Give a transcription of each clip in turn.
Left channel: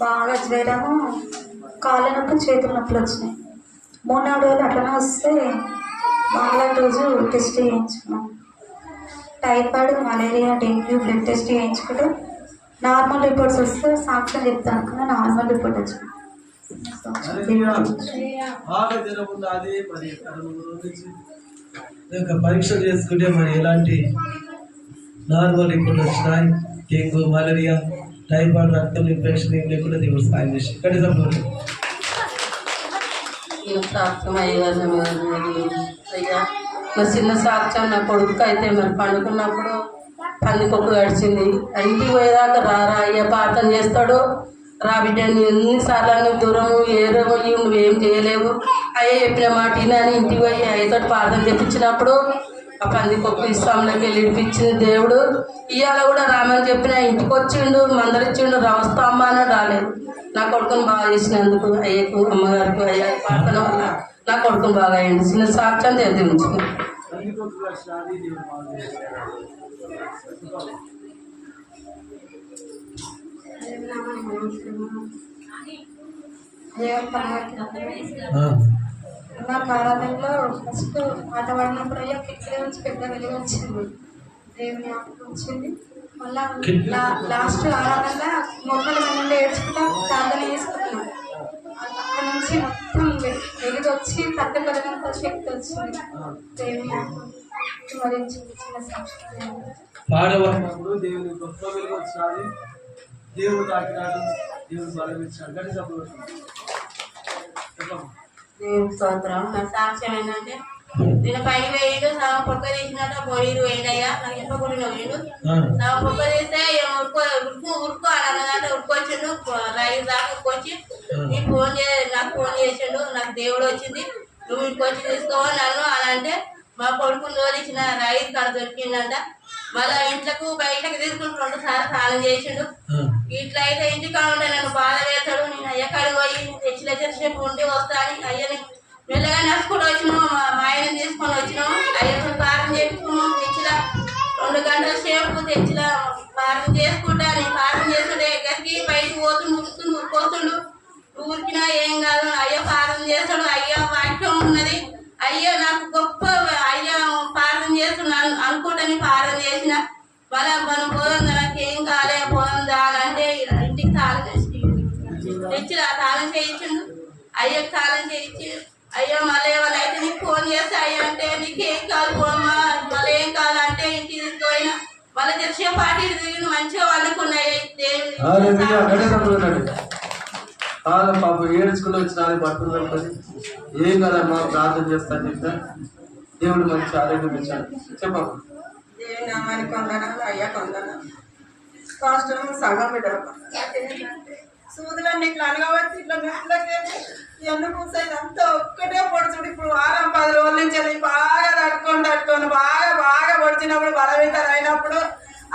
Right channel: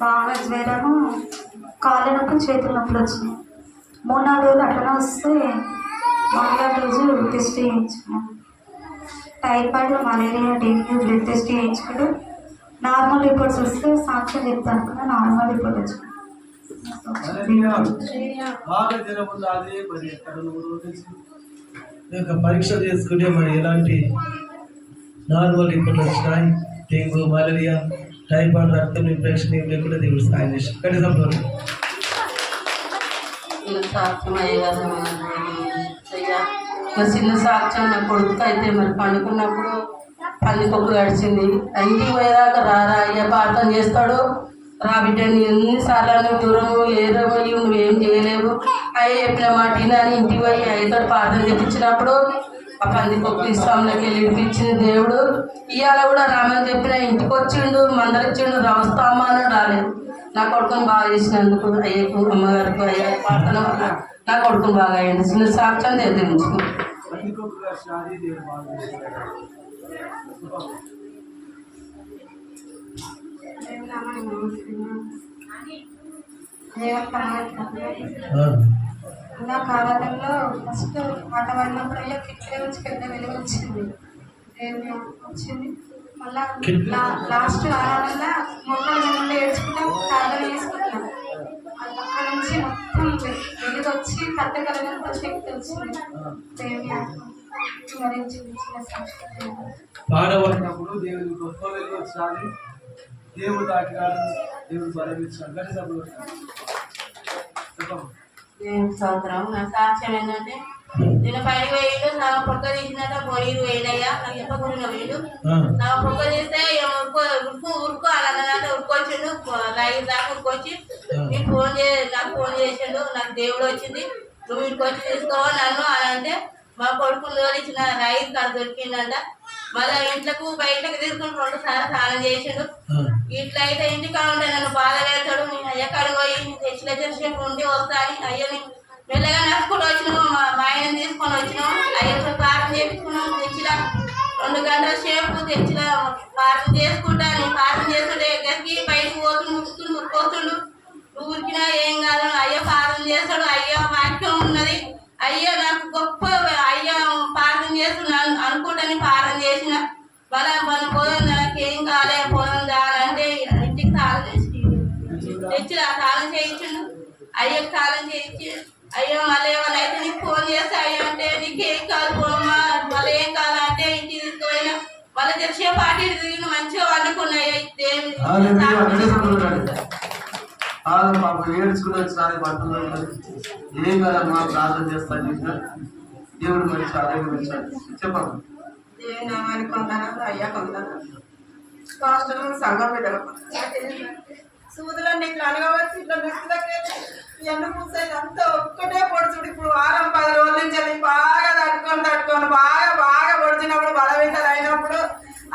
బాగా జ్వరము కాళ్ళ నొప్పి చేతుల నొప్పులు వచ్చినాయి. మూడు నాలుగు రోజులు అట్లనే వస్తే మంగళవారం రోజు test చేయించుకున్నాం. Typhoid malaria dengue blood test చేయించుకుంటే నార్మల్ రిపోర్ట్స్ వస్తే సాక్ష్యం చెప్తాను. కదా నార్మల్ రిపోర్ట్ వచ్చింది. బాగా జ్వరం ఉంది మరి యొక్క పరీక్ష చేసుకుంటే మరి ఎలాంటి నార్మల్ రిపోర్ట్లు వచ్చినాయి? డెంగ్యూ మలేరియా టైఫాయిడ్ రక్తం ఇన్ఫెక్షన్ ఏం లేకుండా దేవుడు సాయం చేసి కనీసం నేను సాక్ష్యం చిన్న సాక్ష్యం నా కొడుకు అయితే మరి పండుకున్నప్పుడు పందికొక్కు గడిచింది. ఇంటికి పోయేదాకా రారా అయ్యా ప్రార్థన చేస్తాడు. రా బిడ్డ నేను ఎన్నిసార్లు దూరము ఏరము నువ్వేం చేయలేవు. అయ్యే చెప్పిన మాట అని ఇంటికి పోయి అయ్యతో ప్రార్థన చేపించినప్పుడు పందికొక్కు ఇస్తాంలోకి వెళ్ళి ఇడిపించింది దేవుడు. ఇవాళ కూడా రామని చెప్పిన ఇంటికి వచ్చిండు మందరిచ్చిండు రమస్తామా అని రాలేదు నా కొడుకుని బాగా చేసినందుకు అయ్యకు అమ్మగారికి అయ్యే ప్రార్థన వల్ల నా కొడుకుని బాగా అయ్యింది. చిన్న సాక్ష్యం తెలియజేయించుకో దేవుడు బాగా చేశాడు. ఆ, నా కాలంలో ఫస్ట్ ఆట పడినప్పుడల్లా కిట్లే వచ్చి పెద్ద వెలుగు వచ్చింది. దేవుని జ్ఞాపకం వచ్చింది. మళ్ళా లాస్ట్ ఆరాధనలో మొక్కలు ముందు ఏడ్చుకుంటా ప్రార్థన చేసుకున్నాం అక్కడ నుంచి మొత్తం వెలుగు వచ్చి పెద్ద కలగంత శక్తి వచ్చింది. దేవుని జ్ఞాపకం పాడబడినప్పుడు దేవుని గొప్ప వెలుగు వచ్చినది దేవుడు తాకినాడు దేవుడు బలం ఇచ్చాడు గట్టి దేవునికి స్తోత్రం నా సాక్ష్యం ఏంటంటే నేను పైకి వేయడు సగం పొక్క తీసినట్ట పోయిరు వేయడయ్యా నాకు చెప్పకుండా ఆ, సగం పొక్క తీస్తే ఉరుకో ఉరుకు ఉరుకు అన్నదంటే ఉరుకొచ్చిండు రైలు దాకా ఉరుకొచ్చి నీకు ఫోన్ చే నాకు ఫోన్ చేసిండు. నాకు దేవుడు వచ్చింది. నువ్వు ఇంటికి వచ్చి తీసుకోవాలి నన్ను అని అంటే మా కొడుకు ఇచ్చిన రైలు కాడ దొరికిందంట మళ్ళీ ఇంట్లకు బయటకు తీసుకుని రెండు సార్లు స్నానం చేసిండు. ఇట్లా అయితే ఇంటికా ఉంటే నన్ను బాధ పెడతాడు నేను అయ్యకాడికి పోయి తెచ్చిన తెచ్చినట్టు ఉండి వస్తాను. అయ్యని మెల్లగా నడుచుకుంటూ వచ్చినాము మా మా ఆయన తీసుకొని వచ్చినాము అయ్యతో ప్రార్థన చేసుకున్నాము తెచ్చిన రెండు గంటల సేపు తెచ్చిన ప్రార్థన చేసుకుంటా. నేను ప్రార్థన చేసుకుంటే ఎక్కడికి? బయటకు పోతుండు ముడుతుండు ఊరుకోతుండు ఊరికినా ఏం కాదు. అయ్య ప్రార్థన చేస్తాడు. అయ్య వాక్యం ఉన్నది. తెచ్చి ఆ తాళం చేయించిండు అయ్యకి తాళం చేయించి అయ్యో మళ్ళీ ఏమైనా అయితే నీకు ఫోన్ చేస్తే అయ్యో అంటే నీకు కాదు పోమ్మా మళ్ళీ ఏం కాదు అంటే ఇంటికి తీసుకుపోయినా మళ్ళీ తెలిసే పార్టీ తిరిగి మంచిగా వండుకున్నాయి. పాపం ఏడ్చుకుని వచ్చిన బట్టలు పెట్టుకొని ఏం కదమ్మా ప్రార్థన చేస్తాను చెప్పా దేవుడు మంచి ఆరోగ్యం ఇచ్చాడు. చెప్పమ్మా. దేవుని నామానికి వందనాలు అయ్యా వందనాలు. పాస్టర్ సగం బిడ్డలు సూదులన్నీ ఇట్లా అనగబట్టి ఇట్లా నిప్పులకి ఎన్ను పూసేది అంతా ఒక్కటే పొడుచుడు. ఇప్పుడు వారం పది రోజుల నుంచి అది బాగా తట్టుకొని తట్టుకొని బాగా బాగా పొడిచినప్పుడు బలవింతలు అయినప్పుడు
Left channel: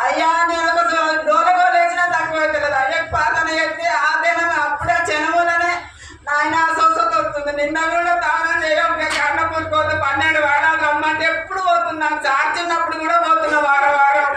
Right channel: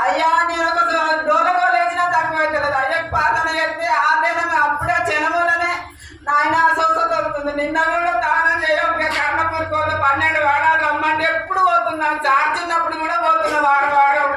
అయ్యా నేను ఒక డోల గోలు వేసినా తక్కువ అవుతుంది అయ్యకు పాతన చెప్తే ఆ దినం అప్పుడే చెనమూలనే నాయన స్వస్థత వస్తుంది నిన్న కూడా తానం చేయడం కర్ణపూర్ కోత పన్నెండు వారాలు రమ్మంటే ఎప్పుడు పోతున్నాను. చార్చిన్నప్పుడు కూడా పోతున్నా వారం వారం.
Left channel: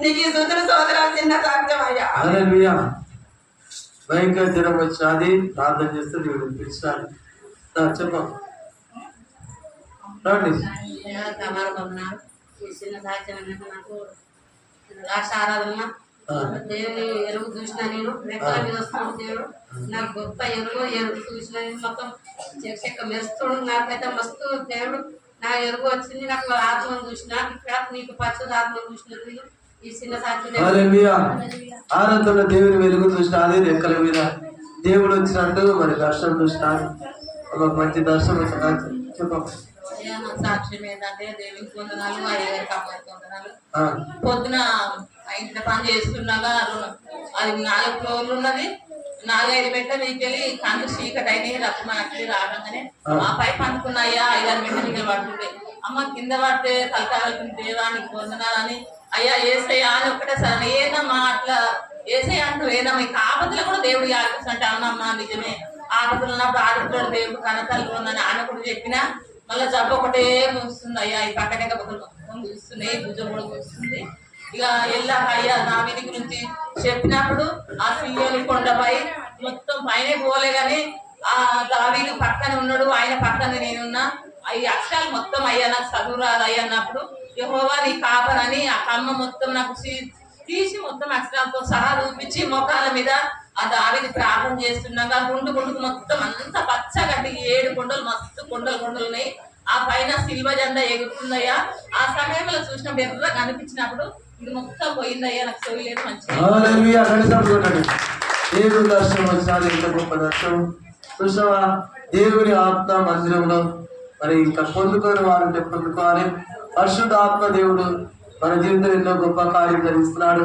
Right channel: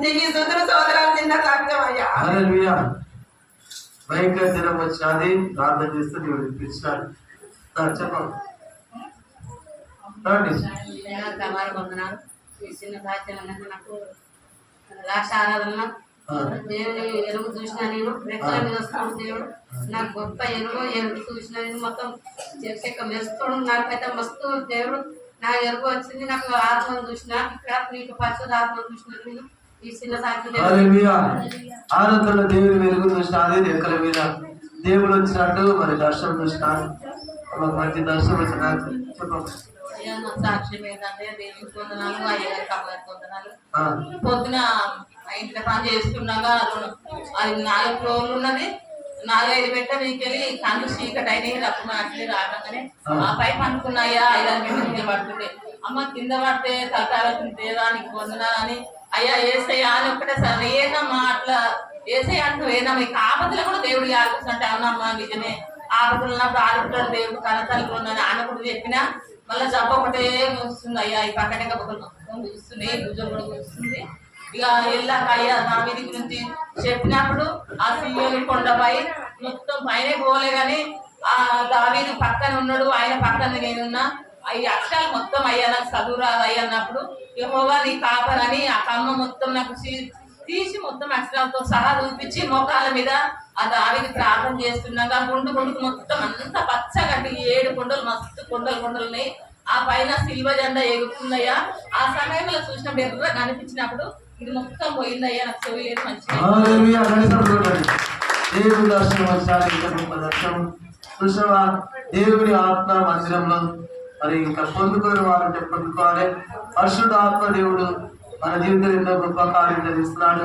నీకు ఈ సుతులు సోదరాలు చిన్న సాక్ష్యం అయ్యా. హల్లెలూయా. భయంకర జ్వరం వచ్చినది ప్రార్థన చేస్తే దేవుడు చిన్న సాక్ష్యం ఏంటంటే నాకు లాస్ట్ ఆరాధన ఆ. దేవుని ఎరుగు చూసిన నేను రెక్కల మీద వస్తున్నాడు దేవుడు. నాకు గొప్ప ఎరుగు ఎరుగు చూసిన నేను మొత్తం చెక్క మెరుస్తుడు. నాకైతే మస్తు దేవుడు నా ఎరుగు వచ్చింది. నాకు ఆత్మను చూసిన ఇక్కడ నీకు పరిశుద్ధ ఆత్మను చూసిన నేను. ఈ చిన్న సాక్షి హల్లెలూయా. ఆనందంలో దేవుని వెలుగు చూసిన అదే రెక్కల మీద దేవుడు వచ్చినట్టు మరి దర్శనం చూసిన మాకు మంచి దర్శనం వచ్చింది చెప్పమ్మా అయ్యా నా సాక్ష్యం ఏంటంటే దేవునికి వందనాలు అయ్యగారికి అమ్మగారికి వందనాలు. ఆ, పొద్దున ఇంటి పని చేసుకున్నాగా అది నాలుగు ఫ్లోర్లు ఉన్నది. నాలుగైదు మెట్ల మీకెళ్ళి కళ్ళు చీకటి అయినాయి రక్తం అట్లే రావడంగానే ఆ. పై పండుకున్నాయా ఐదారు మెట్ల మీద పడుతుండే. అమ్మ కింద పడితే తలకాయలు దేవా నీకు వందనాలని అయ్యా ఏసయ్యా అని ఒక్కటే సార్. ఏనమ్మా అట్లా ఏసయ్య అంటూ ఏనమ్మా ఈ ఆపదలు కూడా దేవుడు ఆలోచిస్తుంటే అవునమ్మా నిజమే? ఆపదలు ఉన్నప్పుడు ఆడుతాడు దేవుడు కనతలు ఉన్నది ఆయన కూడా చెప్పినా మళ్ళీ జబ్బు ఒకటే వస్తుంది అయ్యా ఈ పక్కనే మొత్తం చూస్తున్నాయి భుజం కూడా చూస్తుంది. ఇక వెళ్ళాక అయ్యా దావిది గురించి చెప్పినప్పుడు ఆ సియోని కొండపై మొత్తం పైన పోలే కానీ ఆ దావీదు పక్కన ఉన్నాడు ఆయన పక్కన నేనున్నా. ఈ అక్షరాలు మొత్తం అయ్యా నాకు చదువు రాదు అయ్యా అన్నప్పుడు యహోవా నీ కాపరని ఆ కమ్మ మొత్తం నాకు తీసి మొత్తం అక్షరాలతో సహా చూపించి మోకాల మీద ఆ దావిది ప్రార్థన చేస్తున్నాగా గుండు గుండుకు మొత్తం అంతా పచ్చగడ్డి ఏడు కొండలు మస్తు కొండలు కొండలున్నాయి ఆ పైన సిల్వ జెండా ఎగురుతుందయ్యా. ఆ సమయంలో చూసిన ఎర్ర కనిపించినప్పుడు ఇది మొత్తం పోయిందయ్యా నాకు చెవి లేదు మంచిగా గొప్ప దర్శనం. చూసావా? దేవుని ఆత్మ మందిరంలో మరి ఇంకా పొందుకొని వారంటే పొందుకోవాలి. పరిశుద్ధ దేవుడు మన జీవితంలో ఎన్నో గొప్ప కార్యం జరిగిస్తున్నాడు.